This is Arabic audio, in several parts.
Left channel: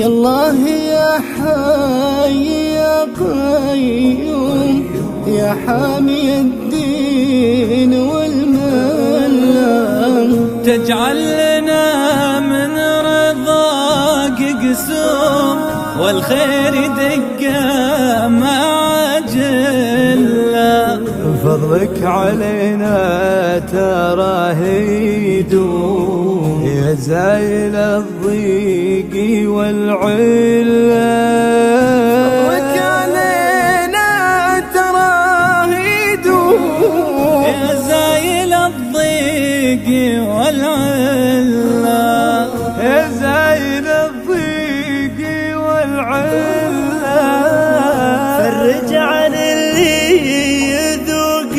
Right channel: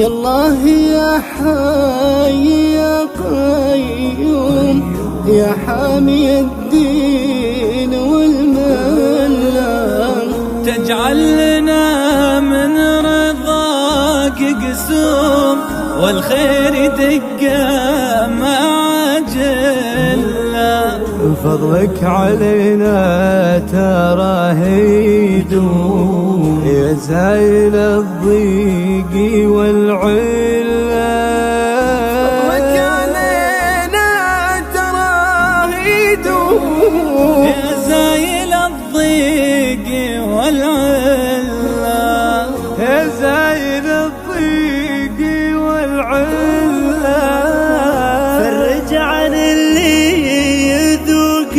يا الله يا حي يا قيوم يا حامي الدين والملة، تجعل لنا من رضاك قسوم والخير يدق مع جلة. فضلك علينا تراه يدوم يا زايل الضيق والعلة. فضلك علينا تراه يدوم يا زايل الضيق والعلة، يا زايل الضيق والعلة. فرج عن اللي يذوق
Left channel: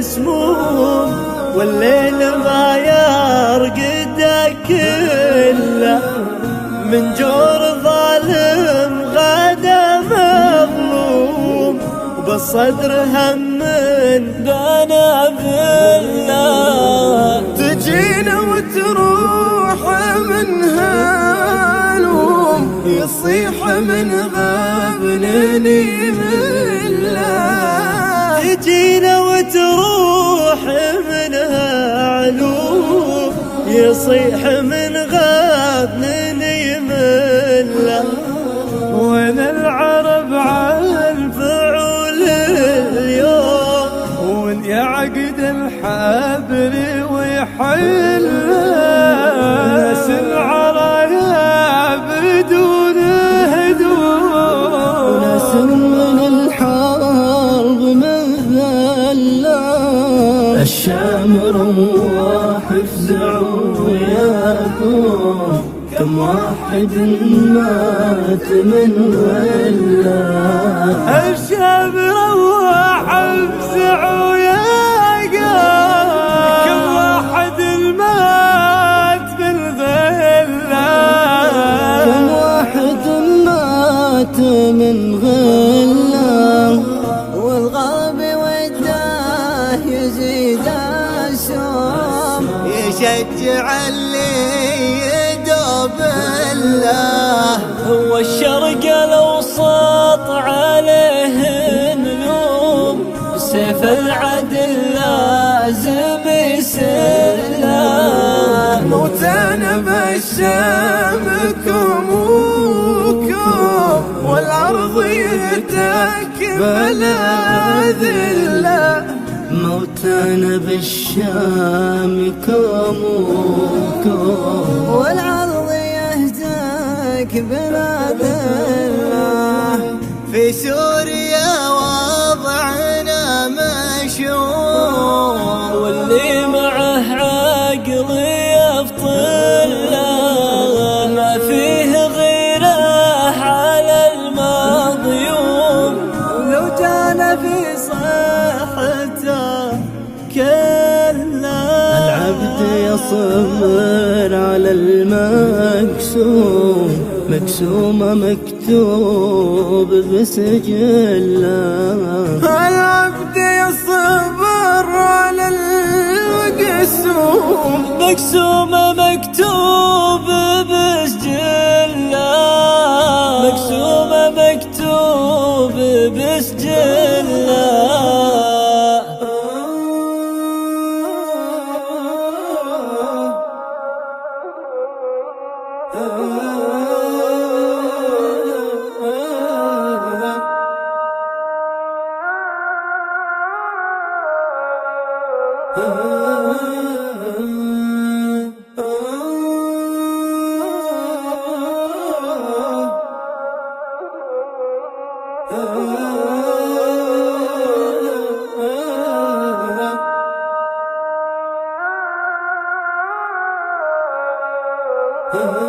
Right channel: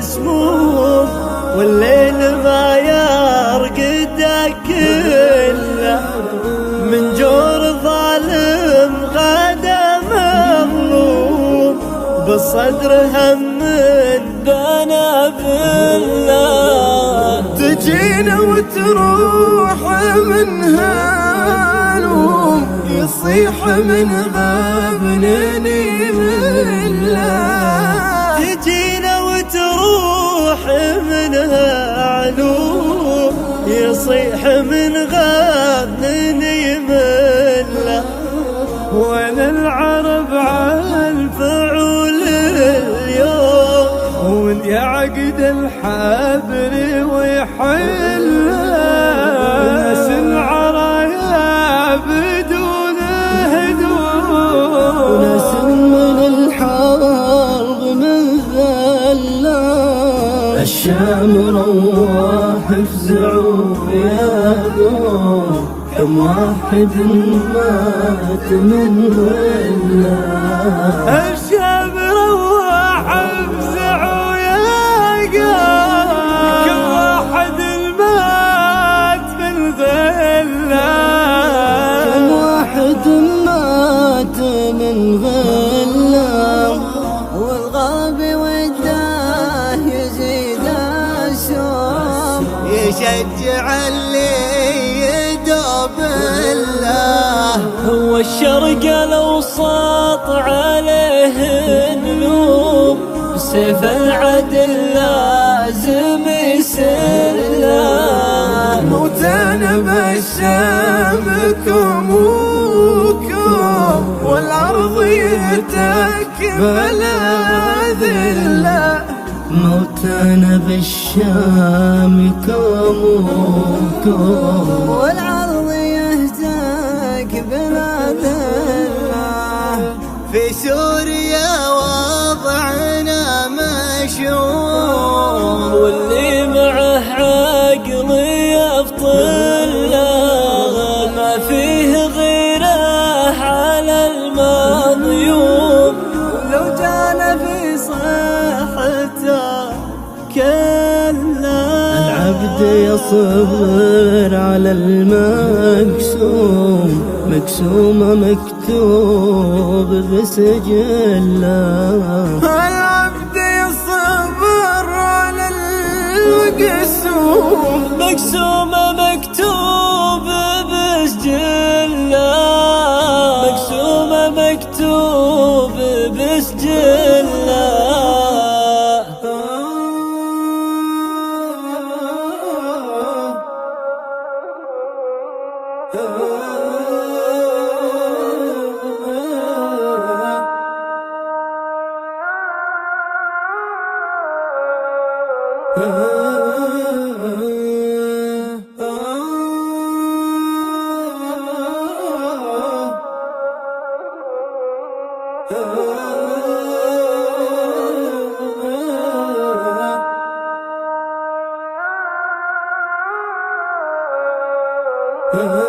سموم والليل ما يرقد كله، من جور ظالم غدا مظلوم بالصدر هم بنا بالله. تجينا وتروح من هالوم يصيح من غابنا نمله. تجينا وتروح من هالوم يصيح من غابنا نمله. وين العرب على الفعول اليوم ومن يعقد الحبر ويحل ناس العرايا بدون هدوء وناس من الحرب مذلة. الشام روح افزعوا يا قوم كم واحد مات من غلة. الشام روح افزعوا يا قوم كم واحد مات من غلة. كم واحد مات من غلة. والغرب وداه يزيد الشوم يشجع اللي يدوب الله. هو الشرق الاوسط عليه نلوم بسيف العدل لازم يسله. موتانا بالشام كموكم والارض يتكبل ذله. موتانا بالشام كموكم والعرض يهتك بلاد الله. في سوريا وضعنا مشؤوم واللي معه عقل يفطن له، ما فيه غيره على المظيوم. ولو جانا في صحته كلا. العبد يصبر على المكسوم مكسومة مكتوب بسجله. العبد يصبر على المكسوم مكسومة مكتوب بسجله. مكسومة مكتوب بسجله. Oh